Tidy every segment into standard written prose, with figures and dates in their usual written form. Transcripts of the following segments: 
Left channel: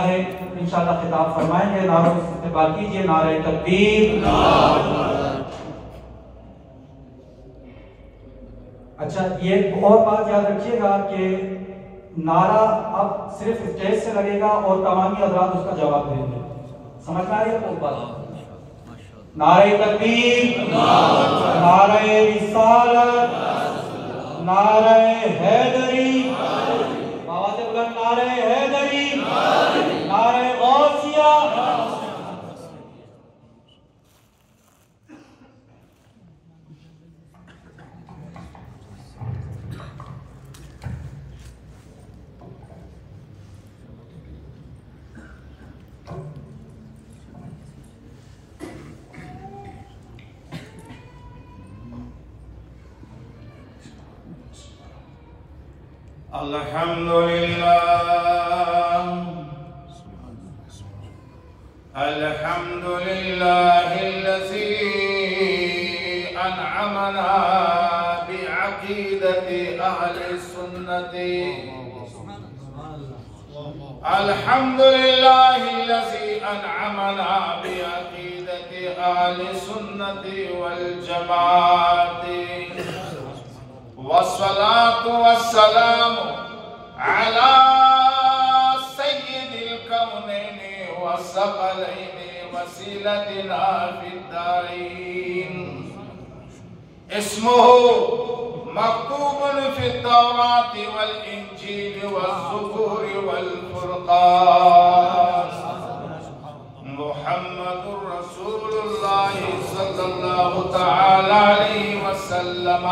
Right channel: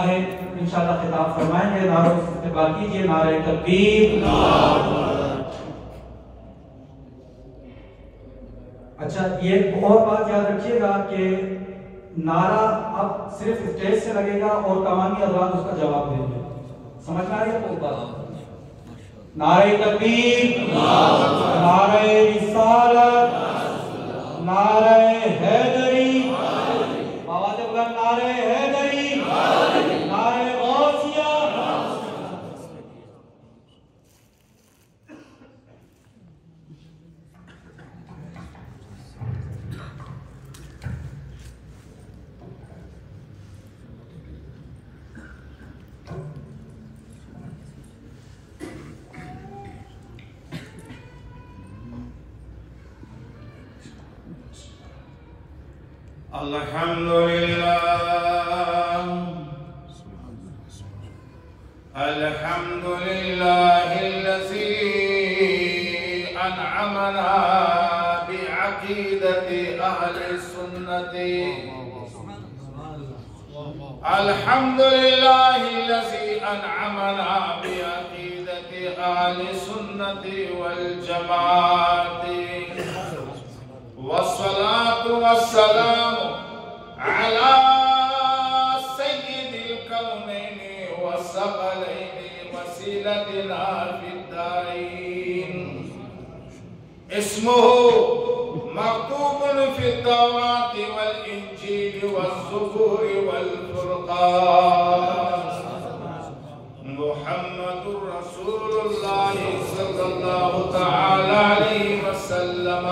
ہے انشاءاللہ خطاب فرمائیں گے. نعرہ استقبال کیجئے. نعرہ تکبیر. اچھا، یہ اور بات یاد رکھیے گا کہ نعرہ اب صرف اسٹیج سے لگے گا اور تمامی حضرات اس کا جواب دیں گے. سمجھ میں آ رہی ہے تو بات؟ نعرہ تکبیر، نعرہ رسالت، نعرہ حیدری، آواز بلند، نعرہ حیدری، نعرہ غوثیہ. الحمدللہ الحمدللہ الذی انعمنا بعقیدت اہل السنت. الحمدللہ الذی انعمنا بعقیدت اہل السنت والجماعت. والصلاة والسلام على سيد الكونين والثقلين وسيلتنا في الدارين. اسمه مكتوب في التوراة والإنجيل والزبور والفرقان. محمد رسول الله صلى الله تعالى عليه وسلم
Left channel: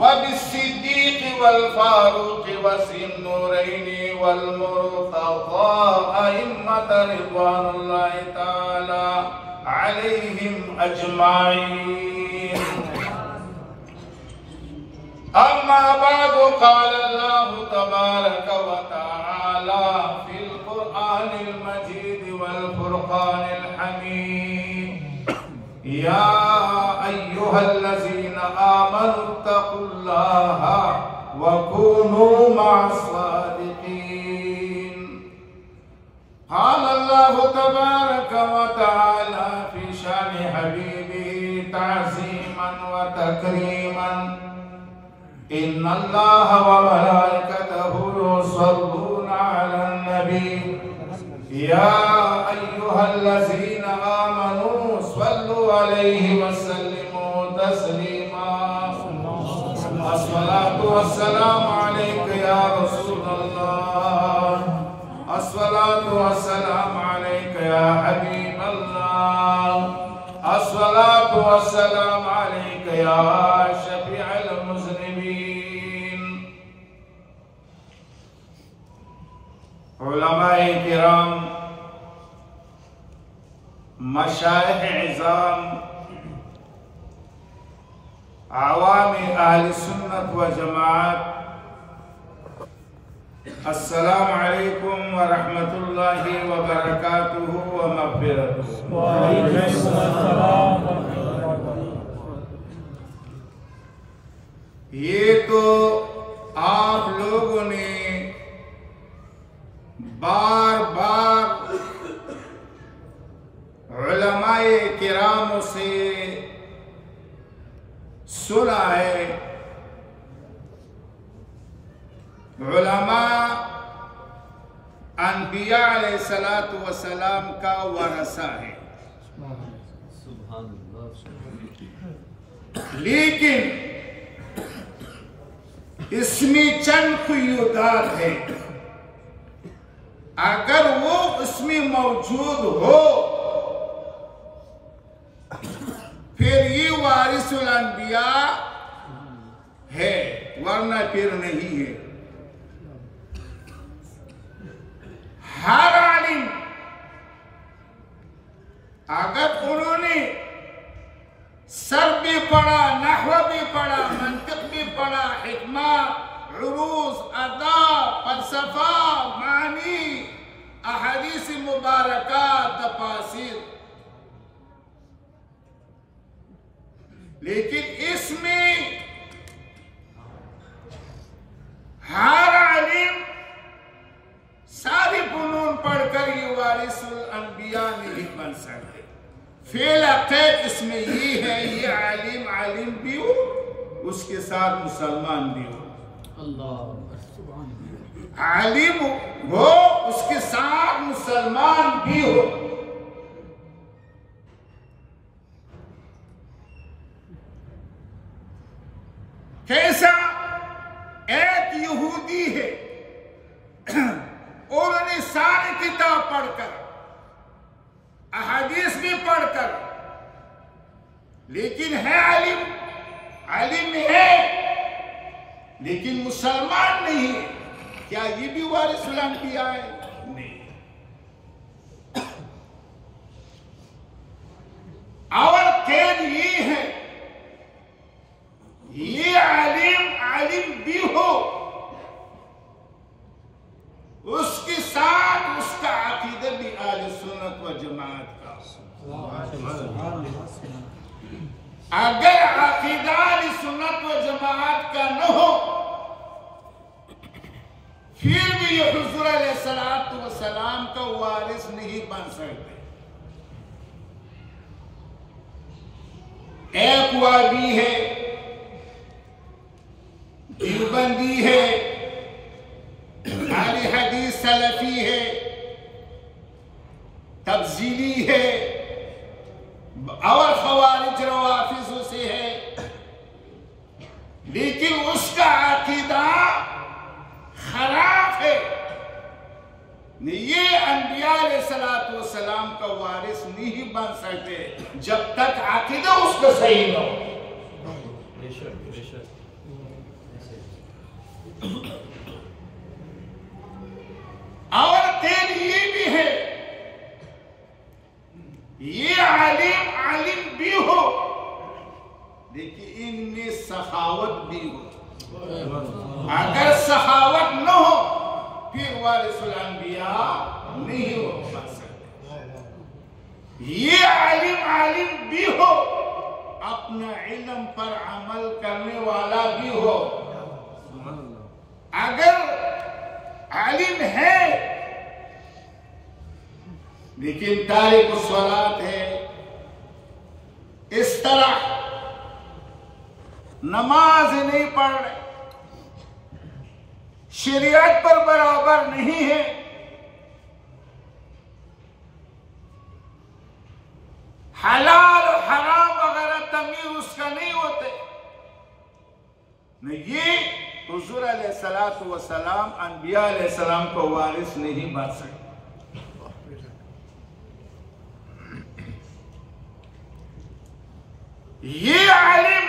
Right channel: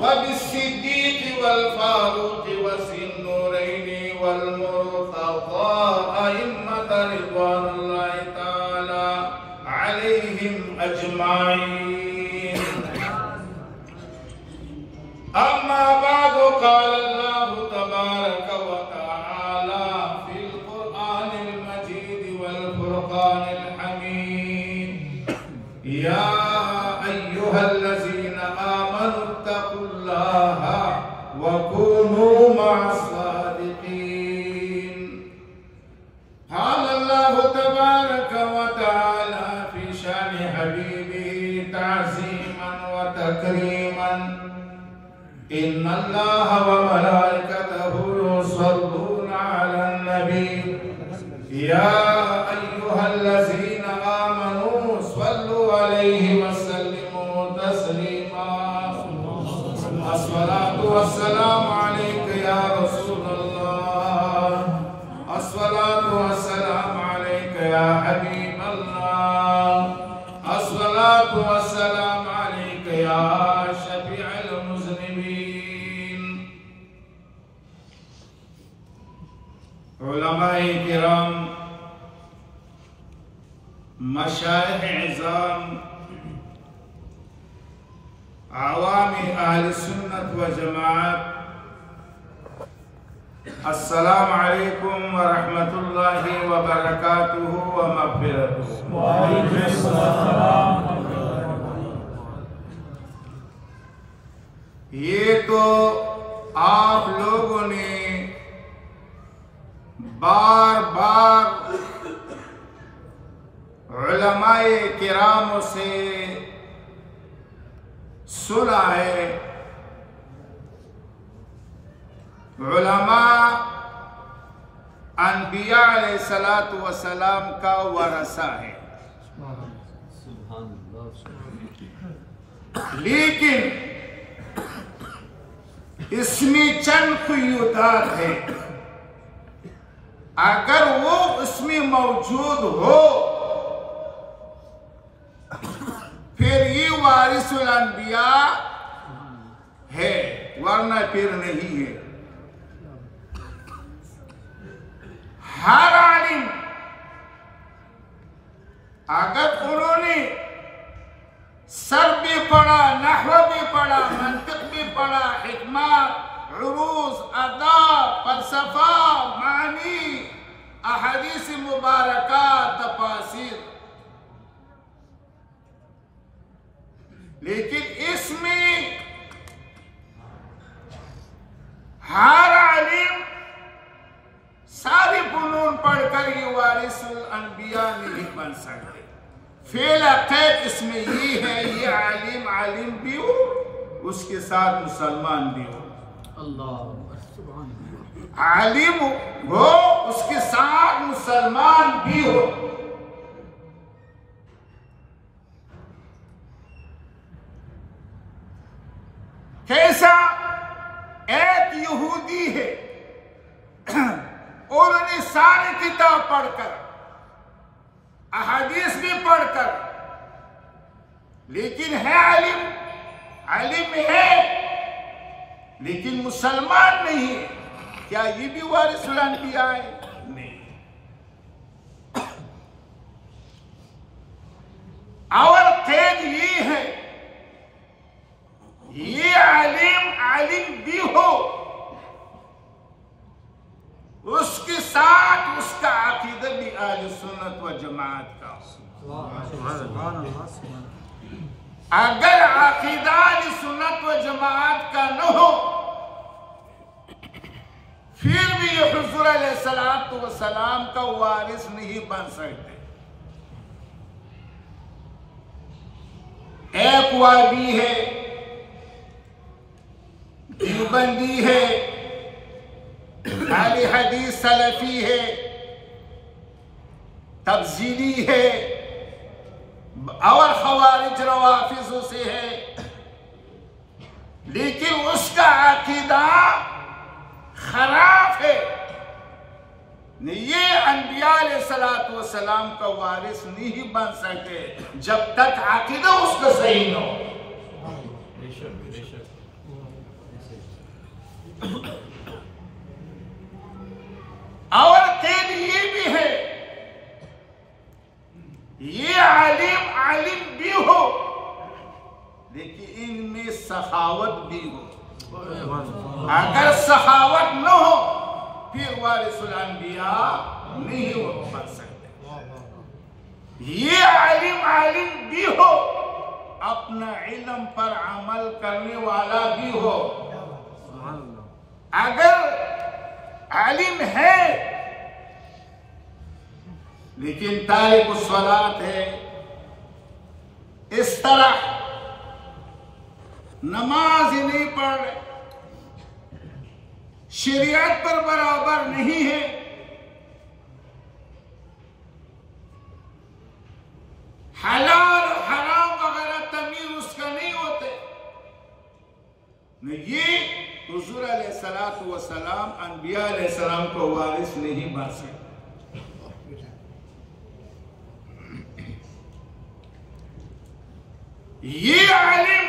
وبالصديق والفاروق وذي النورين والمرتضى أئمة رضوان الله تعالى عليهم أجمعين. أما بعد، قال الله تبارك وتعالى في القرآن المجيد والفرقان الحميد: يا أيها الذين آمنوا اتقوا الله وكونوا مع الصادقين. قال الله تبارك وتعالى في شأن حبيبه تعظيما وتكريما: إن الله وملائكته يصلون على النبي يا أيها الذين آمنوا صلوا عليه وسلموا تسليما. الصلاة والسلام عليك يا رسول الله. الصلاة والسلام عليك يا حبيب الله. الصلاة والسلام عليك يا شفيع المذنبين. علماء کرام، مشائخ عظام، عوام اہل سنت و جماعت، السلام علیکم ورحمۃ اللہ وبرکاتہ ومغفرتہ. وعلیکم السلام. یہ تو آپ لوگوں نے بار بار علماء کرام سے سنا ہے. علماء انبیاء علیہ السلام کا ورثہ ہے، لیکن اس میں چند قیودات ہیں. اگر وہ اس میں موجود ہو پھر یہ وارث الانبیاء ہے، ورنہ پھر نہیں ہے. ہر عالم اگر انہوں نے سر بھی پڑھا، نحو بھی پڑھا، منطق بھی پڑھا، حکمت، عروض، اداب، فلسفہ، معنی، احادیث مبارکہ، تفاسیر، لیکن اس میں ہر عالم ساری علوم پڑھ کر یہ وارث الانبیاء نہیں بن سکتے. فعل عقید اس میں یہ ہے یہ عالم بھی ہو اس کے ساتھ مسلمان بھی ہو. عالم ہو اس کے ساتھ مسلمان بھی ہو. کیسا؟ ایک یہودی ہے اور انہیں ساری کتاب پڑھ کر احادیث بھی پڑھ کر لیکن ہے عالم ہے لیکن مسلمان نہیں ہے. کیا یہ بھی وارث الانبیاء ہے؟ نہیں. اور قید یہ ہے یہ عالم بھی ہو اس کے ساتھ اس کا عقیدہ بھی اہل سنت و جماعت کا ہو. اگر عقیدہ اہل سنت و جماعت کا نہ ہو پھر بھی یہ حضور علیہ السلام کا وارث نہیں بن سکتے. ایک وابی ہے، دیوبندی ہے، اہل حدیث سلفی ہے، تبزیلی ہے اور خوارج روافض سے ہے، لیکن اس کا عقیدہ خراب ہے. یہ انبیاء علیہ السلام کا وارث نہیں بن سکتے جب تک عقیدہ اس کا صحیح نہ ہو. اور قید یہ بھی ہے یہ عالم بھی ہو لیکن ان میں سخاوت بھی ہو. اگر سخاوت نہ ہو پھر وارث الانبیاء نہیں ہو بن سکتے. یہ عالم بھی ہو اپنا علم پر عمل کرنے والا بھی ہو. اگر عالم ہے لیکن تارک الصلاۃ ہے، اس طرح نماز نہیں پڑھ رہے، شریعت پر برابر نہیں ہے، حلال و حرام وغیرہ تمیز اس کا نہیں ہوتے، یہ حضور علیہ السلام انبیاء علیہ السلام کو وارث نہیں بن سکتے. یہ عالم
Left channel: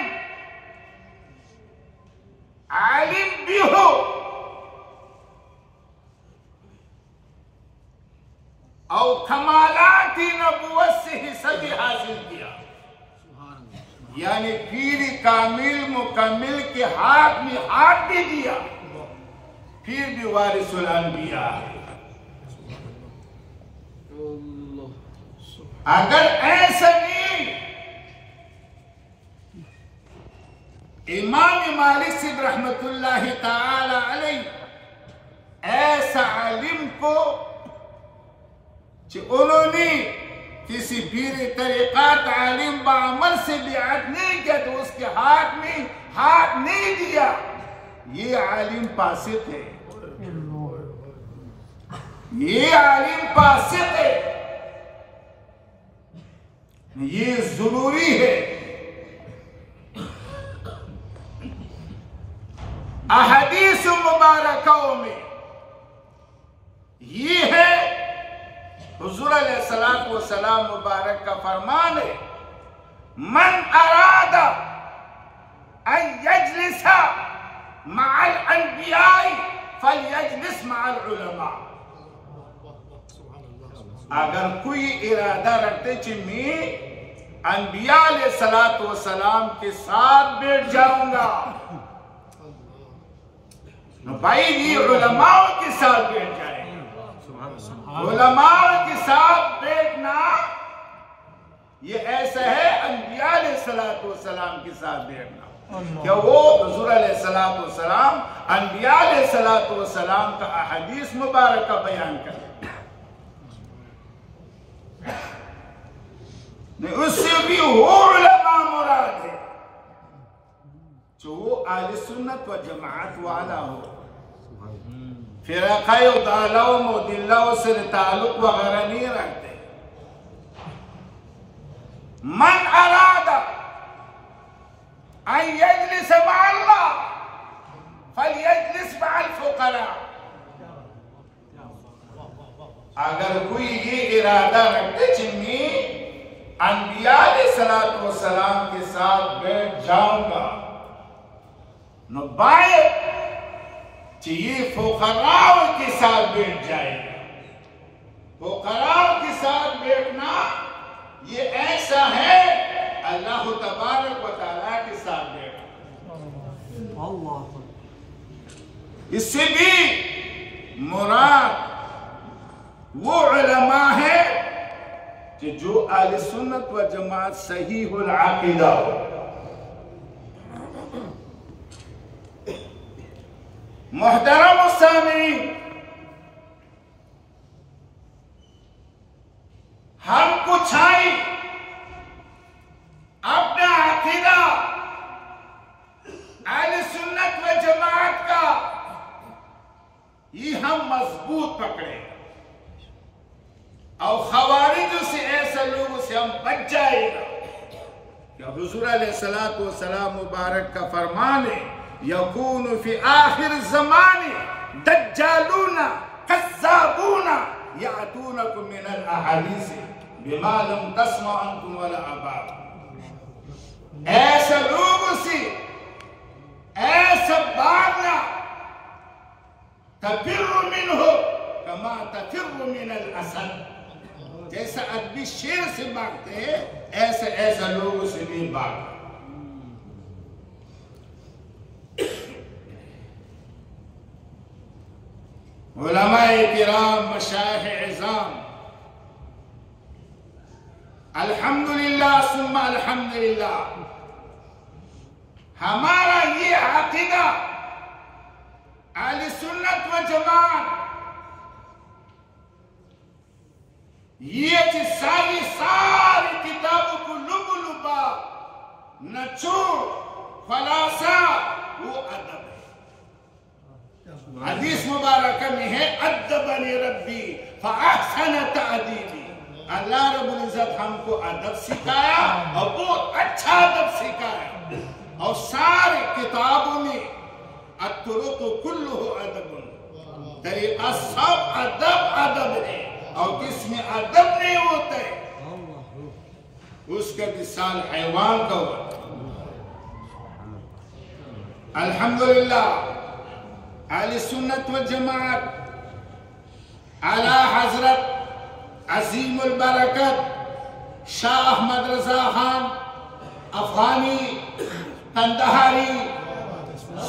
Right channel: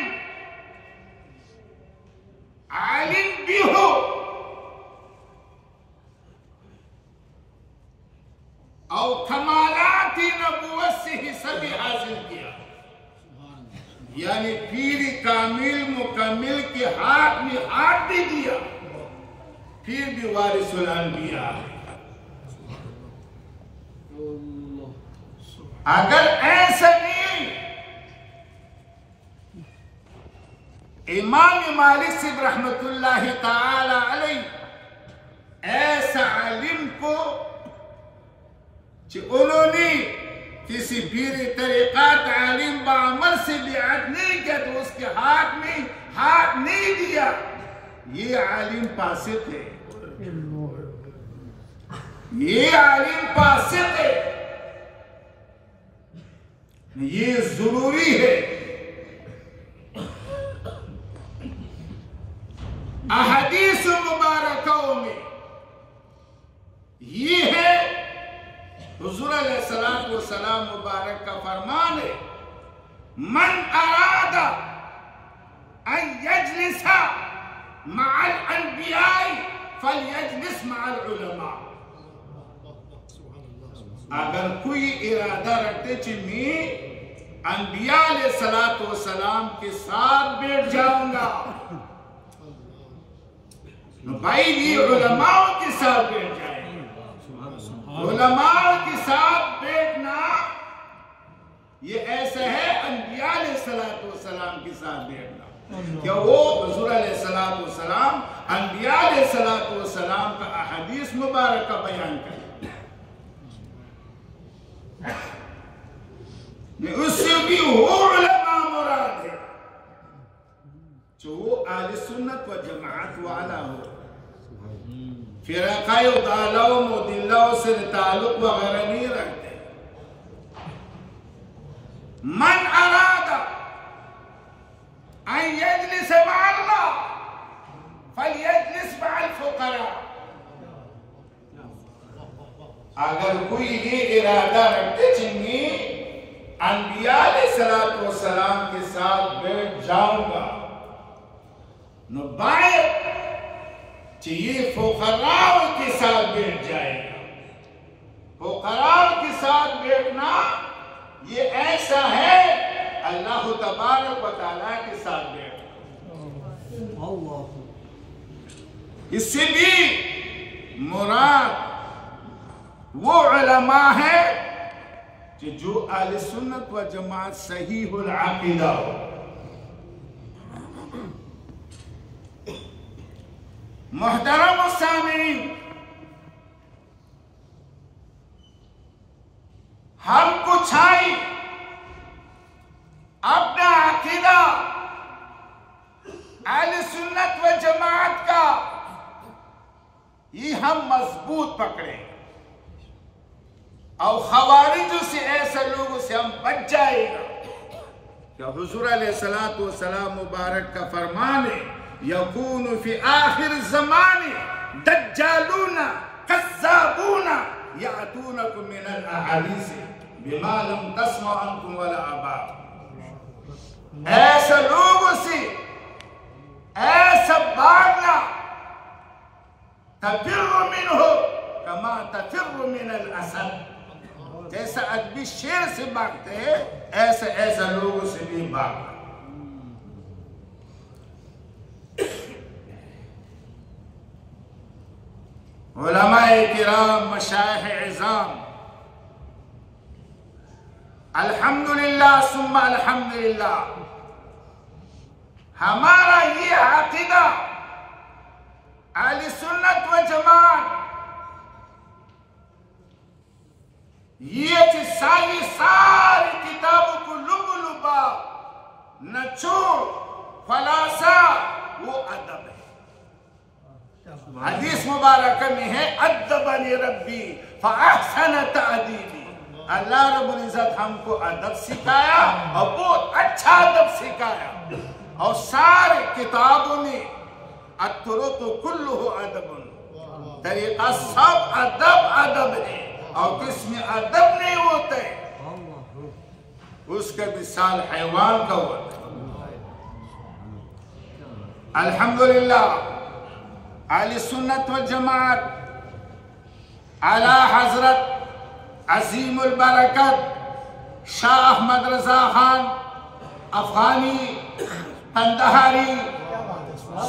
بھی ہو اور کمالات نبوت سے حصہ بھی حاصل کیا، یعنی پیر کامل مکمل کے ہاتھ میں ہاتھ بھی دیا، پھر بھی وارث الانبیاء ہے. اگر ایسا نہیں امام مالک سے رحمت اللہ تعالی علیہ ایسا عالم کو کہ انہوں نے کسی پیر طریقات عالم بعمل سے بیعت نہیں کیا تو اس کے ہاتھ میں ہاتھ نہیں دیا، یہ عالم فاسق ہے. یہ عالم فاسق ہے. یہ ضروری ہے. احادیث مبارکوں میں یہ ہے حضور علیہ السلام مبارک کا فرمان ہے من اراد ان یجلس مع الانبیاء فلیجلس مع العلماء. اگر کوئی ارادہ رکھتے کہ میں انبیاء علیہ السلام کے ساتھ بیٹھ جاؤں گا بھائی یہ علماء کے ساتھ بیٹھ جائیں گے. علماء کے ساتھ بیٹھنا یہ ایسا ہے انبیاء علیہ السلام کے ساتھ بیٹھنا کہ وہ حضور علیہ السلام انبیاء علیہ السلام کا احادیث مبارکہ بیان کریں. جماعت والا ہو، فرقہ ضالوں مضلوں سے تعلق وغیرہ نہیں رکھتے۔ من اراد ان یجلس مع اللہ فلیجلس مع الفقراء، اگر کوئی یہ ارادہ رکھتے چنگی انبیاء علیہ السلام کے ساتھ بیٹھ جاؤں گا، نو باید چاہیے فقراء کے ساتھ بیٹھ جائے گا۔ فقراء کے ساتھ بیٹھنا یہ ایسا ہے اللہ تبارک و تعالیٰ کے ساتھ بیٹھنا۔ اس سے بھی مراد وہ علماء ہے کہ جو اہل سنت و جماعت صحیح العقیدہ ہو۔ محترم السامعین، ہم کو چاہیے اپنا عقیدہ اہل سنت و جماعت کا یہ ہم مضبوط پکڑیں اور خوارج سے ایسے لوگوں سے ہم بچ جائے گا کہ حضور علیہ السلام مبارک کا فرمان ہے یکون فی آخر زمان دجالون کذابون یاتونکم من الاحادیث بما لم تسمعوا انتم ولا آباؤکم، ایسے لوگوں سے ایسا بھاگنا تفر منہ کما تفر من الاسد، جیسا آدمی شیر سے بھاگتے ہیں ایسے لوگوں سے بھی بھاگنا۔ علماء کرام، مشایخ عظام، الحمدللہ ثم الحمدللہ، ہمارا یہ عقیدہ اہل سنت و جماعت یہ ساری کتابوں کو لب لبا نچوڑ خلاصہ وہ ادب ہے۔ حدیث مبارکہ میں ہے ادبنی ربی فاحسن تأدیبی، اللہ رب العزت ہم کو ادب سکھایا اور بہت اچھا ادب سکھایا، اور سارے کتابوں میں الطرق کلہ ادب، طریقہ سب ادب ہے، اور کس میں ادب نہیں ہوتا ہے اس کا مثال حیوان کا ہوتا ہے۔ الحمدللہ اہل سنت و جماعت اعلی حضرت عظیم البرکت شاہ احمد رضا خان افغانی قندہاری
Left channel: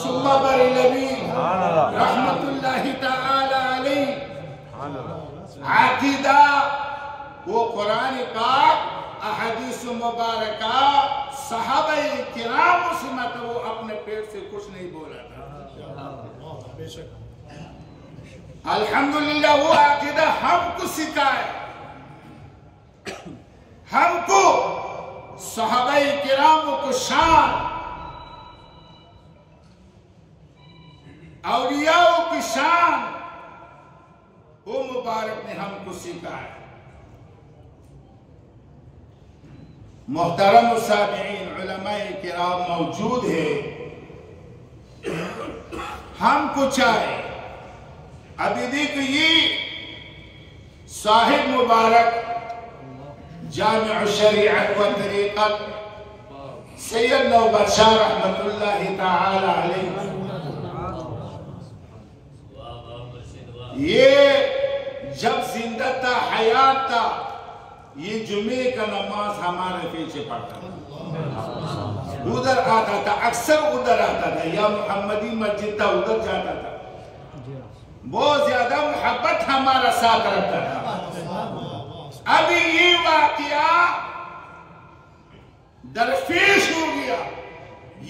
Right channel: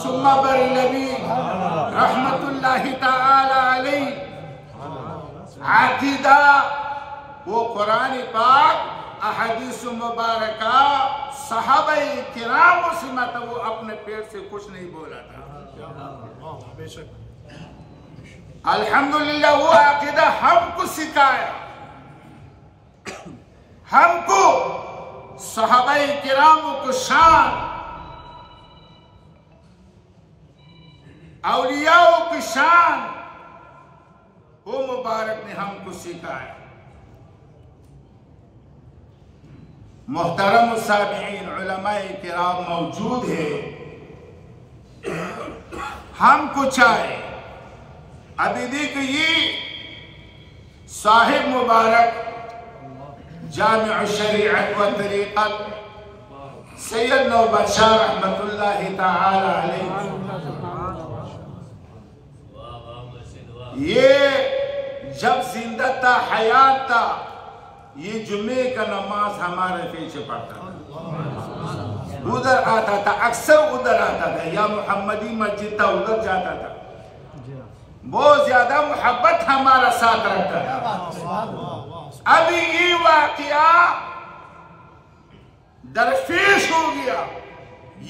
ثم بریلوی رحمت اللہ تعالی علیہ، عقیدہ وہ قرآن پاک احادیث مبارکہ صحابہ کرام سے مطلب وہ اپنے پیٹ سے کچھ نہیں بولا تھا۔ الحمدللہ وہ عقیدہ ہم کو سکھایا، ہم کو صحابہ کرام کو شان، اولیاء کی شان وہ مبارک نے ہم کو سکھایا۔ محترم السامعین، علماء کرام موجود ہے، ہم کو چاہے ابھی دیکھئے صاحب مبارک جامع شریعت و طریقت سید نوبت شاہ رحمت اللہ تعالی علیہ، یہ جب زندہ تھا حیات تھا یہ جمعے کا نماز ہمارے پیچھے پڑھتا تھا، ادھر آتا تھا، اکثر ادھر آتا تھا، یا محمدی مسجد تھا ادھر جاتا تھا، بہت زیادہ محبت ہمارا ساتھ رکھتا تھا۔ ابھی یہ واقعہ درپیش ہو گیا،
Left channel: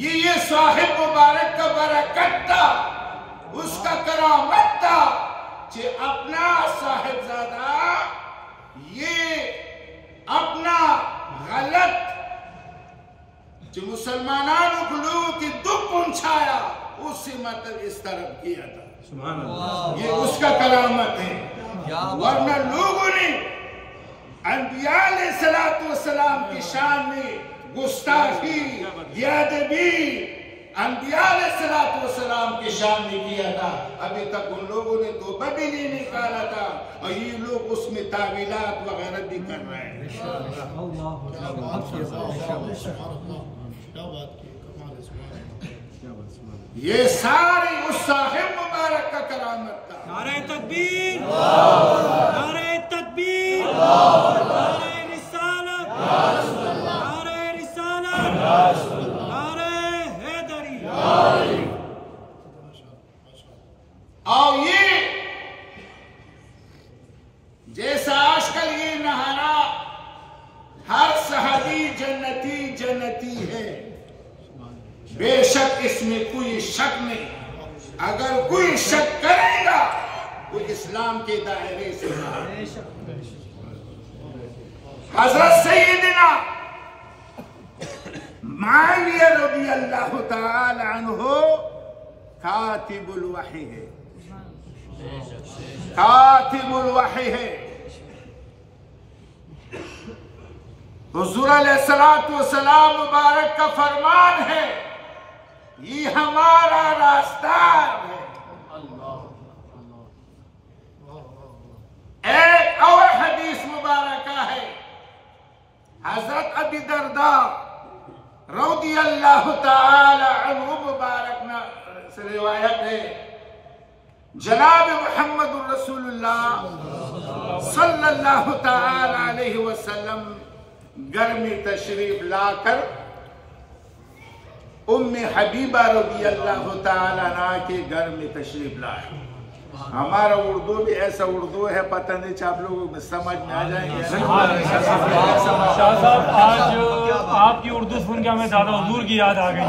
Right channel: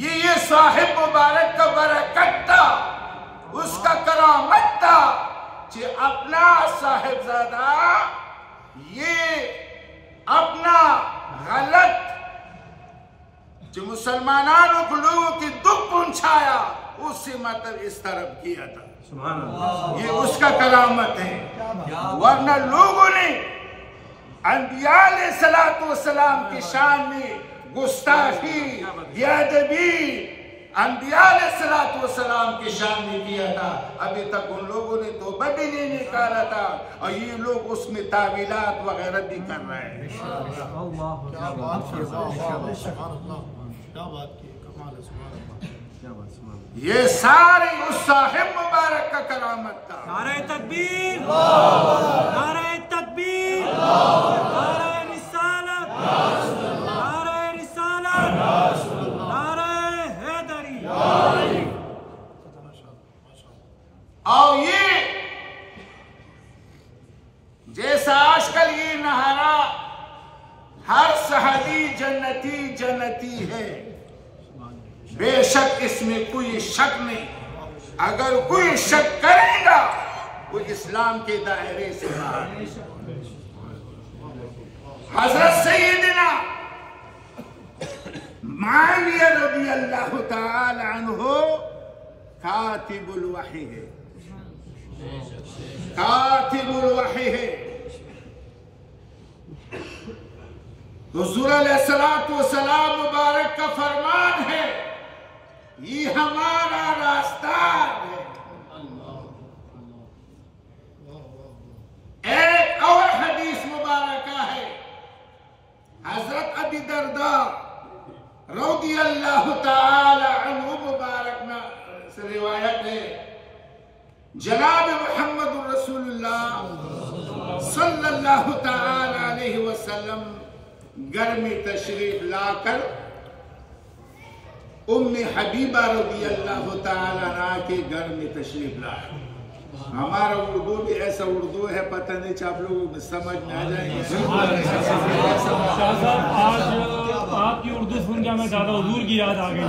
یہ صاحب مبارک کا برکت تھا، اس کا کرامت تھا کہ اپنا صاحبزادہ یہ اپنا غلط جو مسلمانوں کو لوگوں کی دکھ پہنچایا उससे मतलब इस तरफ किया था। ये उसका करामत है। वरना लोगों ने अंबिया अलैहिस्सलाम की शान में गुस्ताखी, बेअदबी अंबिया अलैहिस्सलाम की शान में किया था। अभी तक उन लोगों ने तौबा भी नहीं निकाला था और ये लोग उसमें तावीलात वगैरह भी कर रहे हैं। ये सारे उस साहिब मुबारक का करामत था। नारे तकबीर, नारे तकबीर, नारे रिसालत, नारे रिसालत, नारे हैदरी। और ये जैसा आजकल ये नहारा हर सहाबी जन्नती जन्नती है, बेशक इसमें कोई शक नहीं। अगर कोई शक करेगा वो इस्लाम के दायरे से बाहर। हजरत सैयदना मुआविया रज़ियल्लाहु ताला अन्हु कातिबुल वही है, कातिबुल वही है। हुजूर अलैहिस्सलातु वस्सलाम मुबारक का फरमान है, ये हमारा रास्ता है। एक और हदीस मुबारक है, हजरत अबी दरदा रज़ियल्लाहु ताला अन्हु मुबारक से रिवायत है, जनाब मुहम्मद रसूलुल्लाह सल्लल्लाहु ताला अलैहि वसल्लम घर में तशरीफ लाकर उम्मे हबीबा रज़ियल्लाहु ताला अन्हा के घर में तशरीफ लाया। हमारा उर्दू भी ऐसा उर्दू है, पता नहीं आप लोगों को समझ में आ जाएंगे। शाह साहब आज आपकी उर्दू सुन के हमें दादा हुजूर की याद आ गई।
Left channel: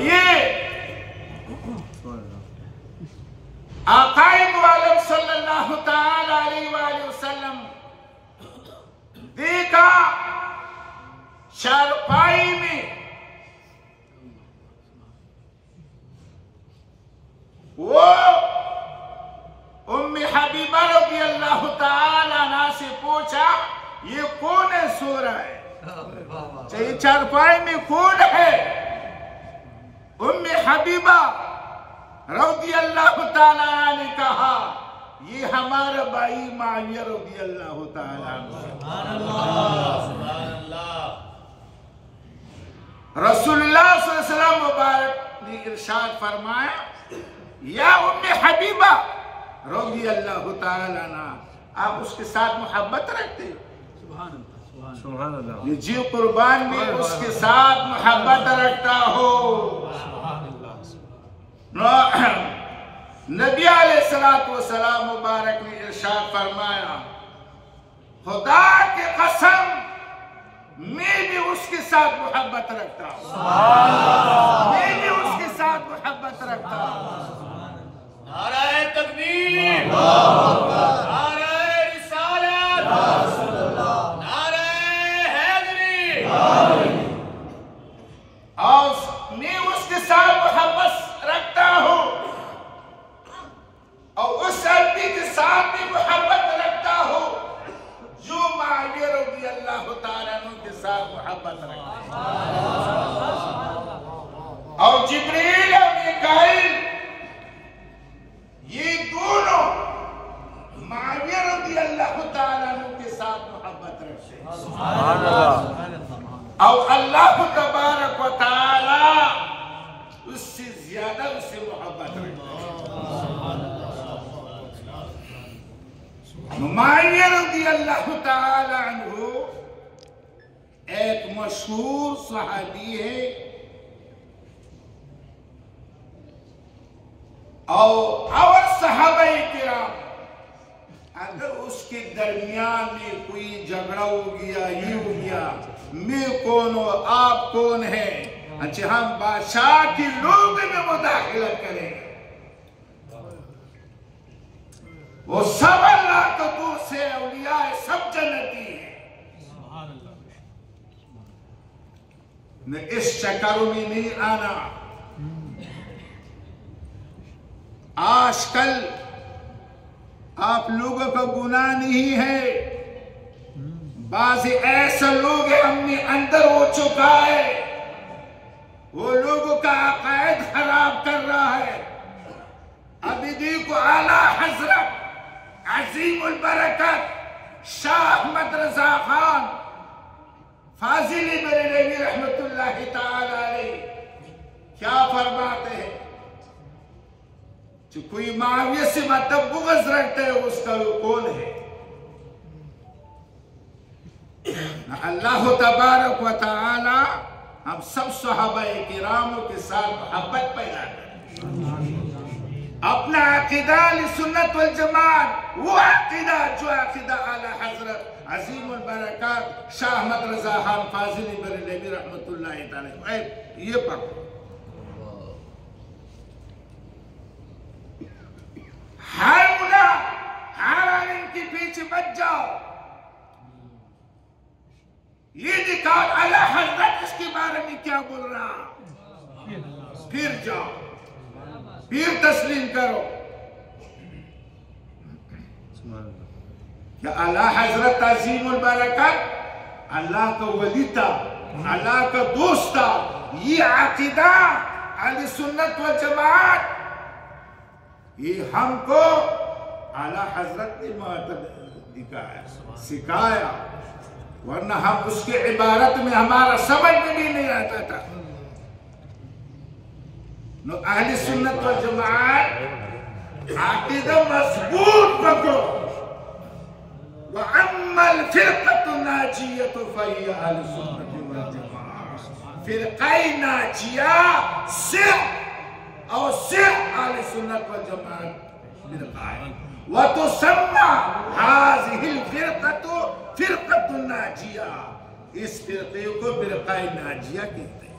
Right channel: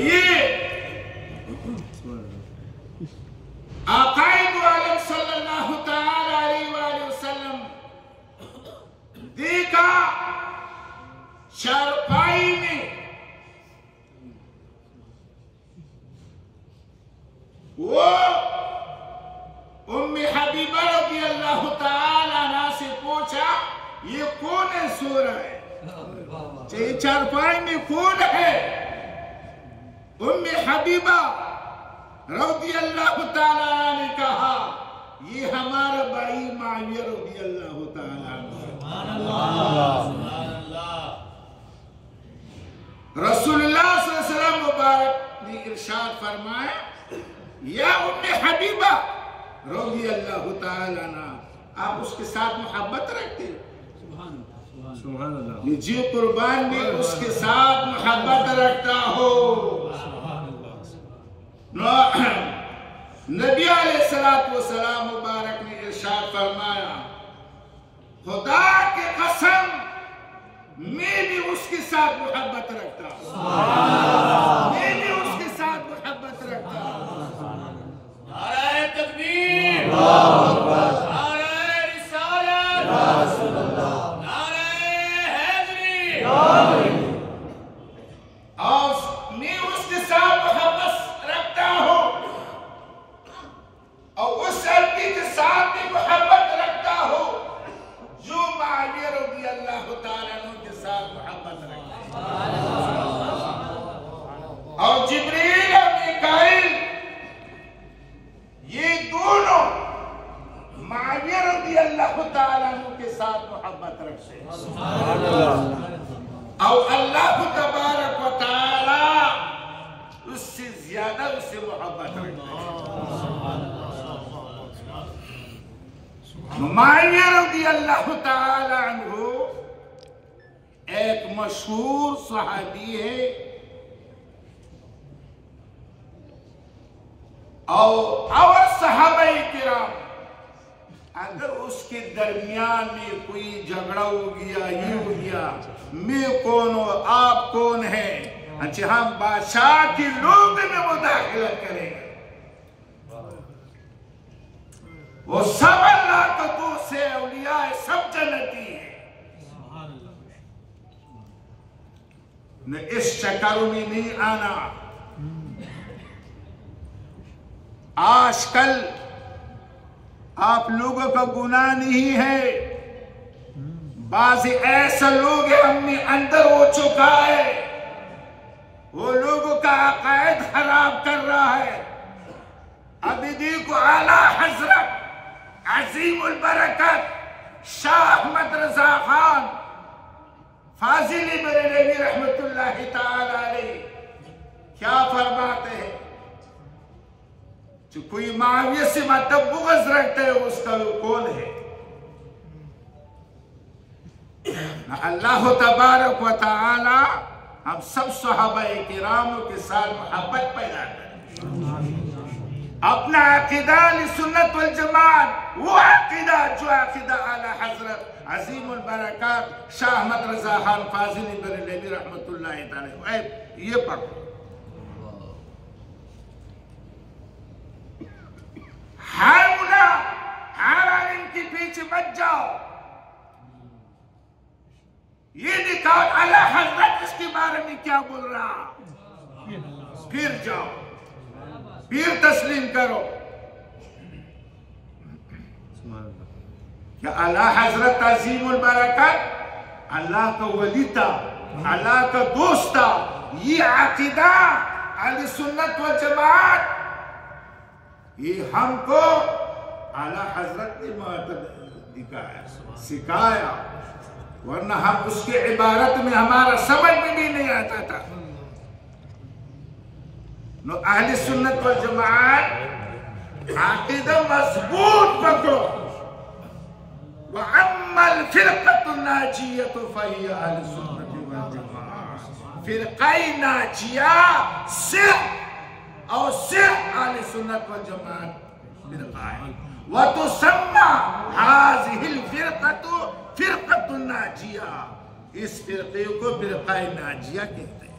ये आकाए दो आलम सल्लल्लाहु ताला अलैहि वसल्लम देखा चारपाई में वो उम्मे हबीबा रज़ियल्लाहु ताला अन्हा से पूछा, ये कौन है सो रहा है, ये चारपाई में कौन है? उम्मे हबीबा रज़ियल्लाहु ताला अन्हा ने कहा, ये हमारा भाई मुआविया रज़ियल्लाहु ताला रसूलुल्लाह सल्लल्लाहु अलैहि वसल्लम मुबारक ने इरशाद फरमाया, या उम्मे हबीबा रज़ियल्लाहु ताला अन्हा, आप उसके साथ मोहब्बत रखते? सुभान अल्लाह। जी कुर्बान भी उसके साथ मोहब्बत रखता हो। नबी अलैहिस्सलातु वस्सलाम मुबारक ने इरशाद फरमाया, खुदा के कसम मैं भी उसके साथ मोहब्बत रखता हूँ, मैं भी उसके साथ मोहब्बत रखता हूँ। नारे तकबीर, नारे रिसालत, नारे हैदरी। और मैं उसके साथ मोहब्बत रखता हूँ और उस आदमी के साथ भी मोहब्बत रखता हूँ जो मुआविया रज़ियल्लाहु ताला अन्हु के साथ मोहब्बत रखता है। और जिब्रील और मीकाईल ये दोनों मुआविया रज़ियल्लाहु ताला अन्हु के साथ मोहब्बत रखते हैं। और अल्लाह तबारक व तआला उससे ज्यादा उससे मोहब्बत रखते हैं। मुआविया रज़ियल्लाहु ताला अन्हु एक मशहूर सहाबी है और सहाबाए किराम अगर उसके दरमियान में कोई झगड़ा हो गया, ये हो गया, मैं कौन हूं, आप कौन है, अच्छा हम बादशाह के लोग में मुदाखलत करेंगे, वो सब अल्लाह को दूर से औलिया सब जन्नती है। न इस चक्करों में नहीं आना। आजकल आप लोगों का गुनाह नहीं है, बाज़ ऐसे लोग हैं हमने अंदर हो चुका है, वो लोगों का अक़ायद खराब कर रहा है। अभी देखो आला हजरत अज़ीमुल बरकत शाह अहमद रज़ा खान फाजिली बरेलवी रहमतुल्लाहि ताला अलैह क्या फरमाते हैं, जो कोई माविया से मतलब बुग़्ज़ रखते है उसका वो कौन है? अल्लाह तबारक व तआला हम सब सहाबाए किरामों के साथ मोहब्बत पैदा करें। अपना अक़ीदा सुन्नत वल जमात, वो अक़ीदा जो अक़ीदा आला हज़रत अज़ीमुल बरकत शाह अहमद रज़ा खान फाजिली बरेलवी रहमतुल्लाहि ताला, ये पकड़ो। हर मुला हर आलिम के पीछे मत जाओ, ये दिखाओ आला हज़रत इसके बारे में क्या बोल रहा, फिर जाओ, फिर तस्लीम करो। क्या आला हज़रत अज़ीमुल बरकत अल्लाह का वली था, अल्लाह का दोस्त था। ये अक़ीदा अहले सुन्नत व जमात ये हमको आला हज़रत ने दिखाया, सिखाया, वरना हम उसके इबारत में हमारा समझ में भी नहीं आता था। नो अहले सुन्नत व जमात अक़ीदा मजबूत पकड़ो। व अम्मल फ़िरक़तु नाजियतु फ़हिय अहले सुन्नत व जमात, फ़िरक़ाए नाजिया सिर्फ और सिर्फ अहले सुन्नत व जमात फ़िरक़ा है। व तुसम्मा हाज़िहिल फ़िरक़तु फ़िरक़तु नाजिया, इस फ़िरक़े को फ़िरक़ाए नाजिया कहते हैं।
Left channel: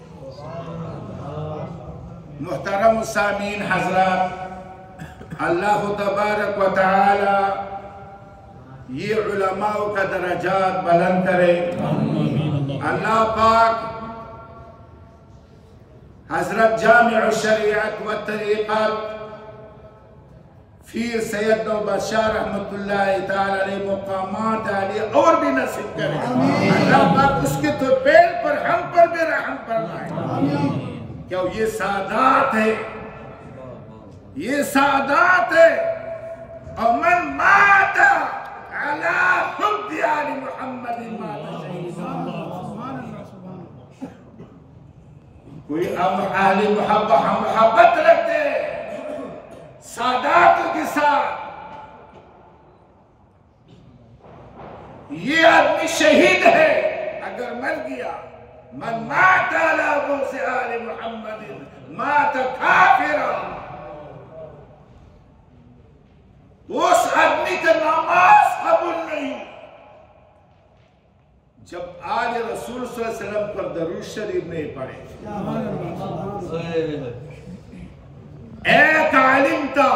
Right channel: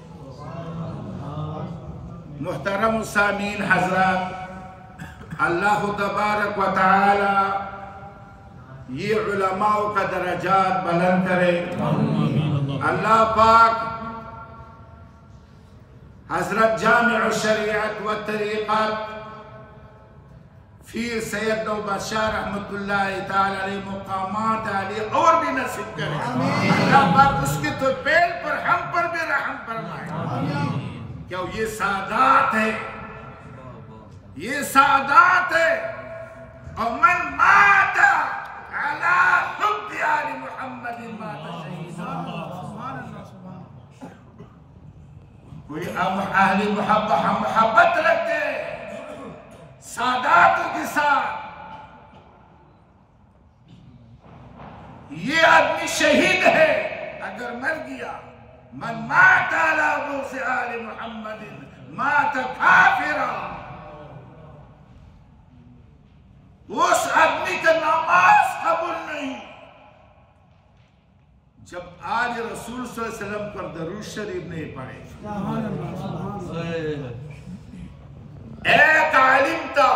मुहतरम सामीन हज़रात, अल्लाह तबारक व तआला ये उलमाओं का दरजात बुलंद करे। अल्लाह पाक हज़रत जामिउ शरीअत व तरीक़त फिर सैयद बशार रहमतुल्लाहि ताला अलैह मुक़ामात अलैह और भी नसीब करे। अल्लाह पाक उसके तो पैर पर हम पर भी रहम फरमाए। क्या ये सादात है, ये सादात है। और मन माता अला हुब्बि आलि मुहम्मदिन माता शहीदा। कोई अहले मोहब्बत रखते सादातों के साथ, ये आदमी शहीद है अगर मर गया। मन मात अला बुग़्ज़ि आलि मुहम्मदिन मात काफ़िरा, उस आदमी का नमाज कबूल नहीं। जब आले रसूल सल्लल्लाहु अलैहि वसल्लम पर दरूद शरीफ नहीं पढ़े। एक आलिम था,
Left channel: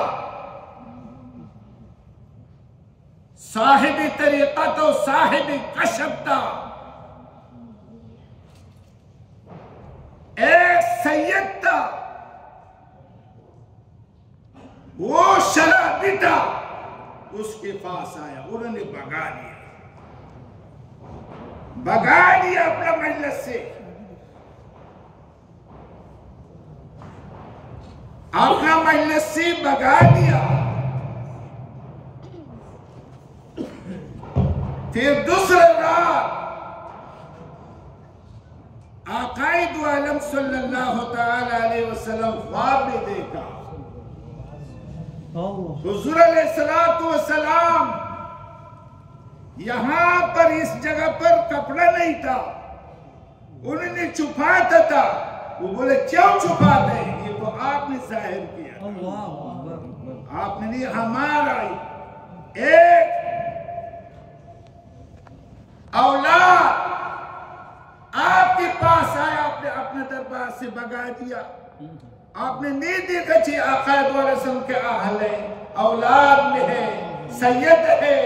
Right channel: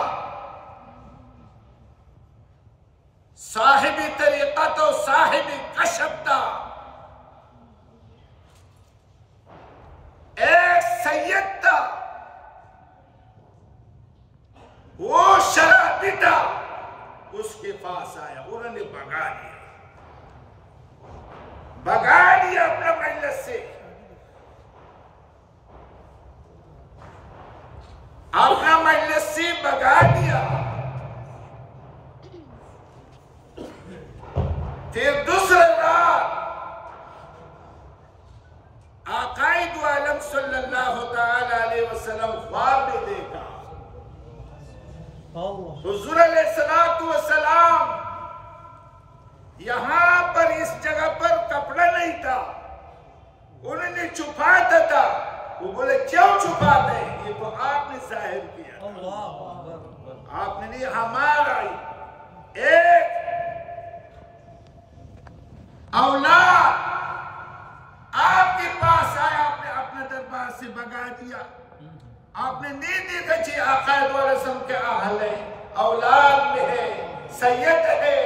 साहिब तरीक़त और साहिब कशफ था, एक सैयद था, वो शराबी था, उसके पास आया, उन्होंने भगा दिया अपना मजलिस से। अपना मजलिस से भगा दिया। फिर दूसरे रात आक़ाए दो आलम सल्लल्लाहु तआला अलैहि वसल्लम ख्वाब में देखा। हुज़ूर अलैहिस्सलातु वस्सलाम यहां पर इस जगह पर कपड़ा नहीं था, उन्होंने छुपाता था। वो बोले क्यों छुपाते हैं? ये तो आपने जाहिर किया, आपने नहीं, हमारा एक औलाद आपके पास आया, आपने अपने दरबार से भगा दिया। आपने नहीं देखा जी आक़ाए वाले से उनके अहले औलाद में है, सैयद है।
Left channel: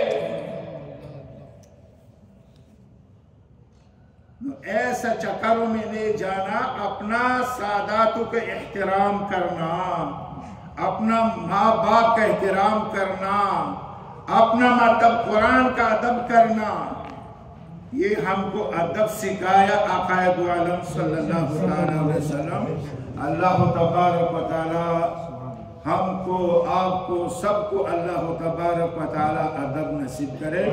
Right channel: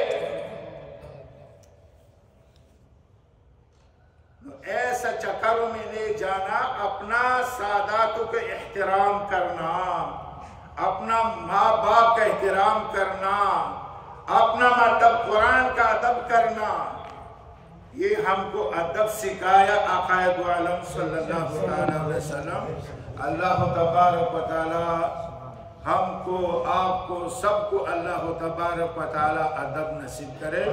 ऐसा चक्करों में नहीं जाना, अपना सादातों का एहतराम करना, अपना माँ बाप का एहतराम करना, अपना मतलब कुरान का अदब करना, ये हमको अदब सिखाया आक़ाए दो आलम सल्लल्लाहु अलैहि वसल्लम। अल्लाह तबारक व तआला हमको, आपको, सबको अल्लाह तबारक व तआला अदब नसीब करे।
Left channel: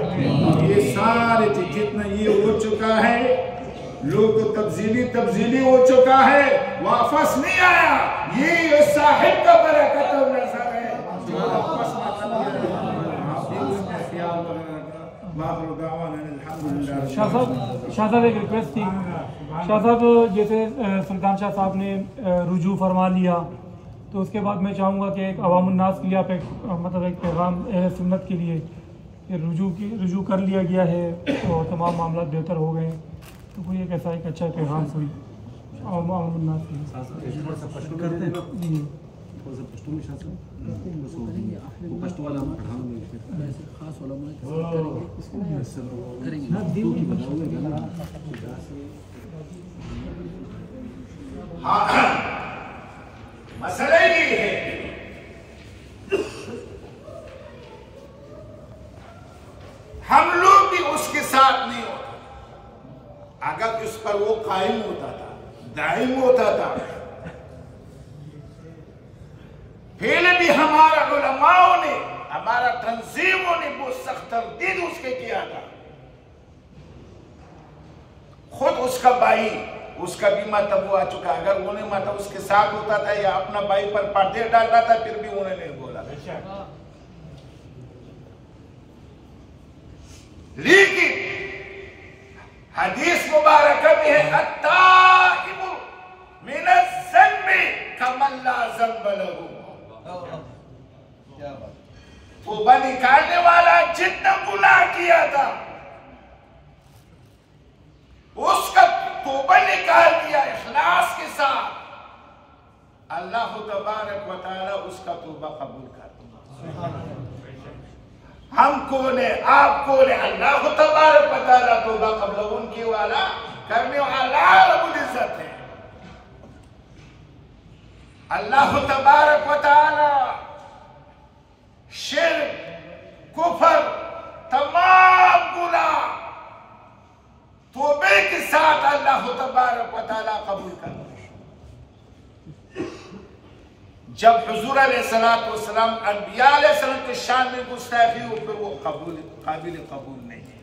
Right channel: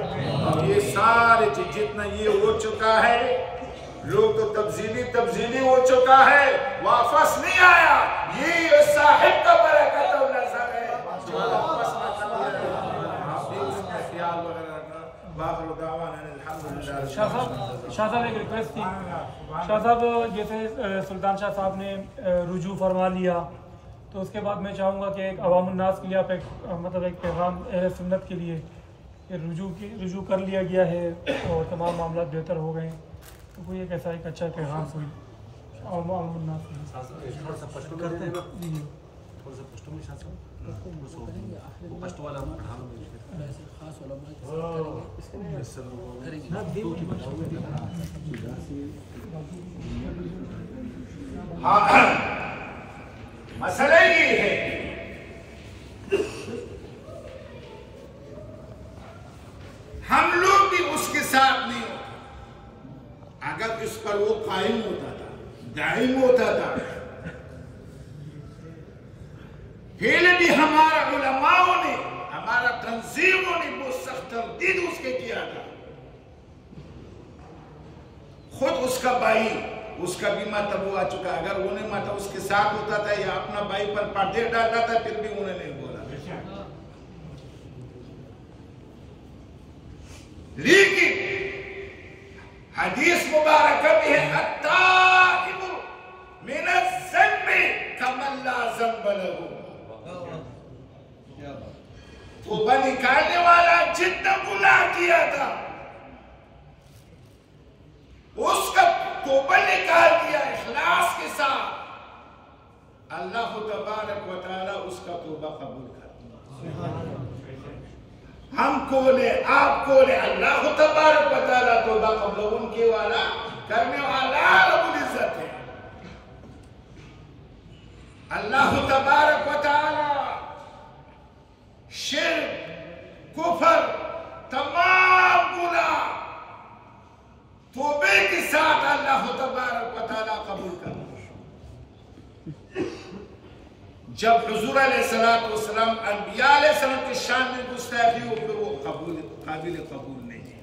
ये सारे जितना ये हो चुका है, लोग तो तब्दीली हो चुका है, वापस नहीं आया। ये साहिब का बरकत नजर है, शाह साहब एक रिक्वेस्ट थी। शाह साहब जैसे सुल्तान शाह साहब ने रुजू फरमा लिया, तो उसके बाद मैं चाहूँगा कि एक अवामुन्नास के लिए आप एक मतलब एक पैगाम अहले सुन्नत के लिए कि रुजू कर लिया गया है और तमाम मामला बेहतर हो गए, तो कोई एक ऐसा एक अच्छा पैगाम कोई अवामुन्नास के लिए। मसला ये है, हम लोग भी उसके साथ नहीं होता। अगर इस पर वो कायम होता था, दायम होता था, पहले भी हमारा उलमाओं ने, हमारा तंजीमों ने वो सख्त तरदीद उसके किया था। खुद उसका भाई, उसका भी मतलब वो आ चुका। अगर उन्हें मतलब उसके साथ होता था या अपना भाई पर पर्दे डालता था, फिर भी उन्हें नहीं बोला। लेकिन हदीस मुबारक में है, अत्ताइबु मिनज़्ज़न्बि कमन ला ज़न्ब लहू। तौबा निकालने वाला जितना गुनाह किया था, उसका तौबा निकाल दिया इखलास के साथ, अल्लाह तबारक व तआला उसका तौबा कबूल कर। हमको ने, आपको ने, अल्लाह तबारक व तआला तौबा कबूल उनके वाला करने वाला रब्बुल इज्जत है। अल्लाह तबारक व तआला शिर्क, कुफर, तमाम गुनाह तौबे के साथ अल्लाह तबारक व तआला कबूल कर। जब हुजूर अलैहिस्सलातु वस्सलाम अनबिया अलैहिस्सलाम के शान में गुस्ताखी हो, फिर वो काबिल कबूल नहीं है।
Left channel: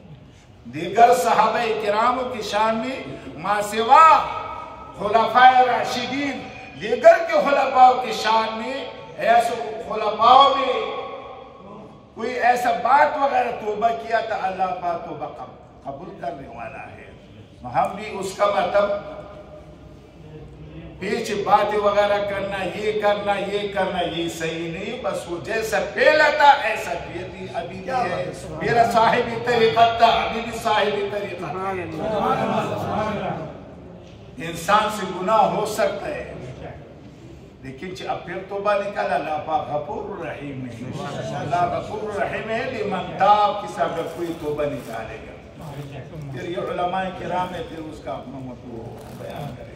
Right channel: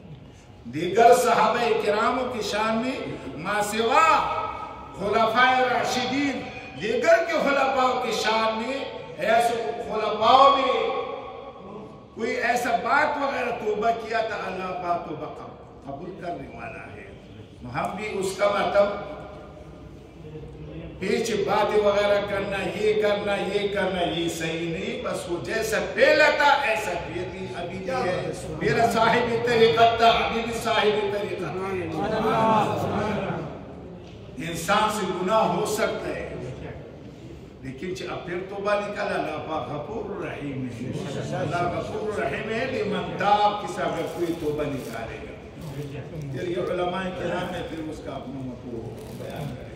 दीगर सहाबा किरामों की शान में मा सिवा खुलफाए राशिदीन, दीगर के खुलफाओं की शान में, ऐसे खुलफाओं में कोई ऐसा बात वगैरह तौबा किया था, अल्लाह पाक तौबा कबूल करने वाला है। हम भी उसका मतलब पीछे बातें वगैरह करना, ये करना ये सही नहीं। बस वो जैसा पहला था ऐसा फिर भी अभी भी है। मेरा साहिबी तरीका था, अभी भी साहिबी तरीका था। इंसान से गुनाह हो सकता है, लेकिन अब फिर तौबा निकाला। अल्लाह पाक गफूर रहीम है, अल्लाह गफूर रहीम है। लिमन ताब, किसी अगर कोई तौबा निकालेगा, फिर ये उलमाए किराम है, फिर उसका अपना मतलब बयान करेगा।